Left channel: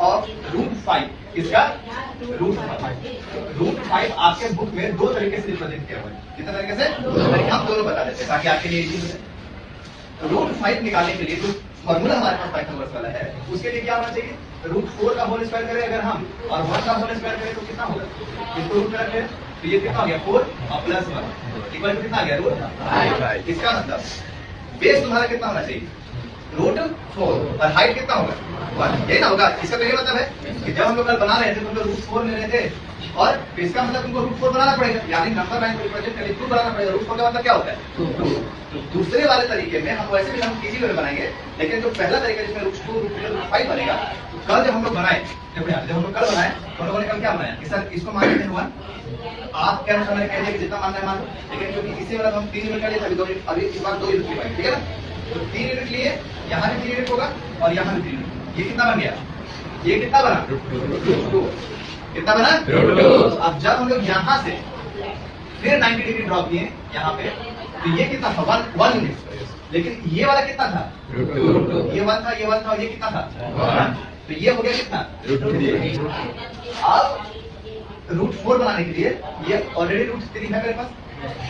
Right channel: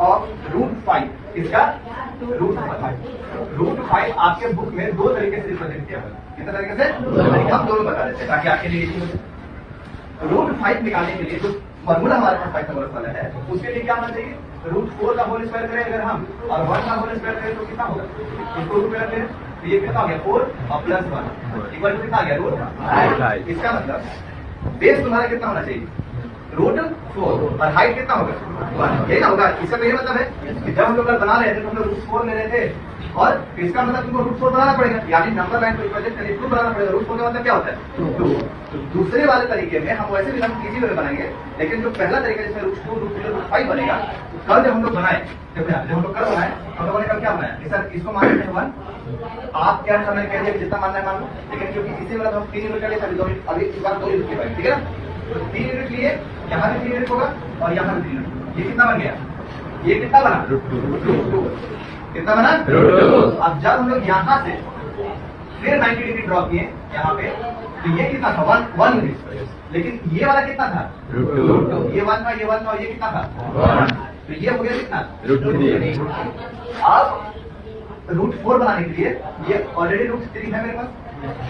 Of √5 किसका √5 आपके book में दो तरीके से रिप्रेजेंट किया हुआ है। कितने तरीके से? हम दोनों बता देते हैं ताकि आपके लिए √5 निकालने के लिए जो फॉर्मूला हमारे पास पाइथन वर्क वाला है उसके लिए क्या होना चाहिए? √4 का होल स्क्वायर करें अगर हम और 1 का होल स्क्वायर करें तो कितना होगा? इसको रूट में रखें तो ये कितना हो गया 4 और प्लस 1 इक्वल टू कितना आ गया √5। इसका मतलब बेस तुम्हारा कितना होना चाहिए? √4 और हाइट कितना होगा 1। यही ना होगा। इसका तो ये मतलब है कि जब हम लोग कल बना रहे थे तो हम लोग √4 ले रहे थे और इसका मतलब तुमको √4 बनाना पड़ेगा, यानी नंबर लाइन को रिप्रेजेंट करके 2 बनाना पड़ेगा। √4 का मतलब क्या होता है 2। तो दूसरे वाले तरीके में हम वैसे भी हम इजी वे में बनाएंगे, लेकिन जो पहला तरीका जिसमें √2 √5 बनेगा कल जब हम लोग बनाए जब हम लोग कल बनाए हम लोगों ने कल क्या बनाया कि सर इसको मान लेते हैं 1। आप क्या समझ कह दिया कि जितना मानना है मान लो, लेकिन क्योंकि इसी वाला हम 3 यूनिट कर लेते अभी इस बार 2 यूनिट की बात, ठीक है ना? तो 3 यूनिट लिए यहाँ भी 3 यूनिट होगा और यहाँ भी 3 यूनिट। ये कितना बन गया? ये कितना बना? √2। कितना बना? √2। अब जब हम लोग यहाँ से फिर 90 डिग्री ड्रॉ किए यहाँ पे तो ये कितना था 1 यूनिट, लेकिन ये वाला कितना था √2। ये 1 था, ये 1 था, ये कितना था 1। तो ये हो गया कितना √3। अब √4 बनाने के लिए ये ऑलरेडी √3 है मेरे पास,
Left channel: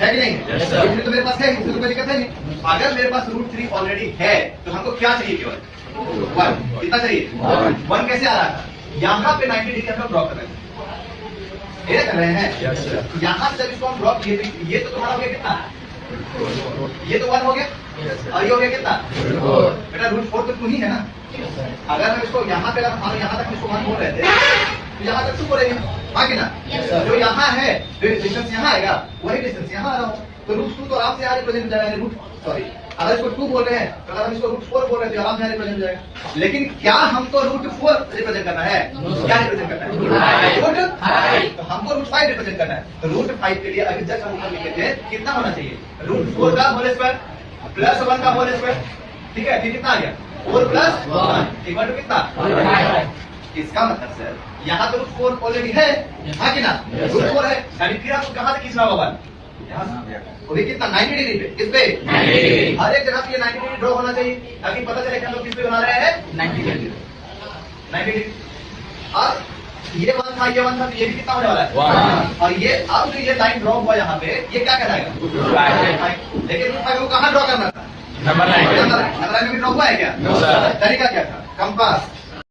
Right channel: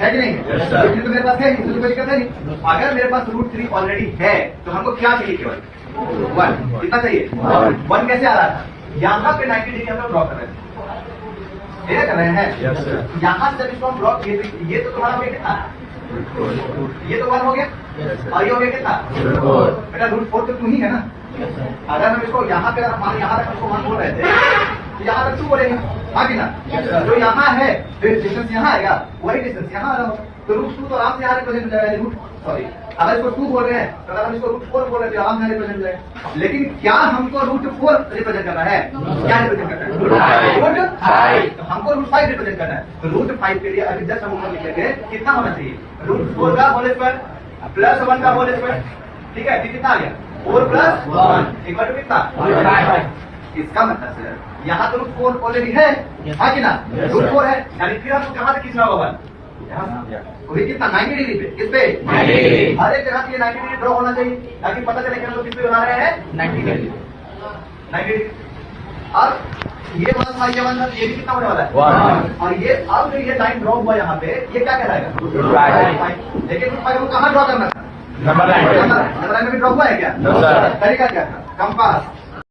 है कि नहीं? √3 तो मेरे पास है, इसमें कोई दिक्कत है नहीं। अगर मेरे पास √3 ऑलरेडी है तो हमको क्या चाहिए? केवल 1। कितना चाहिए? 1 कैसे आ रहा था? यहाँ पे 90 डिग्री हम लोग ड्रॉ कर रहे थे, ये कर रहे हैं। यहाँ से जब इसको हम ड्रॉ किए ये तो तुम्हारा हो गया कितना? ये तो 1 हो गया और ये हो गया कितना? बेटा √4 तो 2 ही है ना। अगर हम इसको यहाँ पे यहाँ तक हम इसको 1 बोल रहे थे तो यहाँ तक 2 बोलेंगे, हाँ कि ना? जो यहाँ है डिस्टेंस यहाँ आएगा वही डिस्टेंस यहाँ आ रहा हो तो √2 तो आराम से यहाँ रिप्रेजेंट हो जाएगा। सॉरी, अगर इसको 2 बोल रहे हैं तो अगर हम इसको √4 बोल रहे हैं तो आराम से यहाँ रिप्रेजेंट हो जाएगा। लेकिन क्या हमको √4 रिप्रेजेंट करना है? क्या रिप्रेजेंट करना है? √5। तो हमको √5 रिप्रेजेंट करना है। तो √5 के लिए अगर जस्ट हम ऊपर लिखे थे कितना होना चाहिए? √4 का होल स्क्वायर प्लस 1 का होल स्क्वायर, ठीक है? फिर कितना आ गया 4 + 1 इक्वल टू कितना? इसका मतलब सर यहाँ तो √4 ऑलरेडी है, हाँ कि ना? √4 है, यानी फिर आपको कहाँ से खींचना होगा? ये कितना 90 डिग्री पे, किस पे? 90 डिग्री। हर एक जगह पे 90 डिग्री ड्रॉ होना चाहिए ताकि पता चले कि हम लोग किस पे बना रहे हैं 90 डिग्री। 90 डिग्री। अब ये 1 था, ये 1 था, ये भी कितना होने वाला है 1। और ये अब जो ये लाइन ड्रॉ हुआ यहाँ पे ये क्या कहलाएगा? लेकिन को कहाँ ड्रॉ करना था? नंबर लाइन में भी ड्रॉ हुआ है क्या? तरीका क्या था? कंपास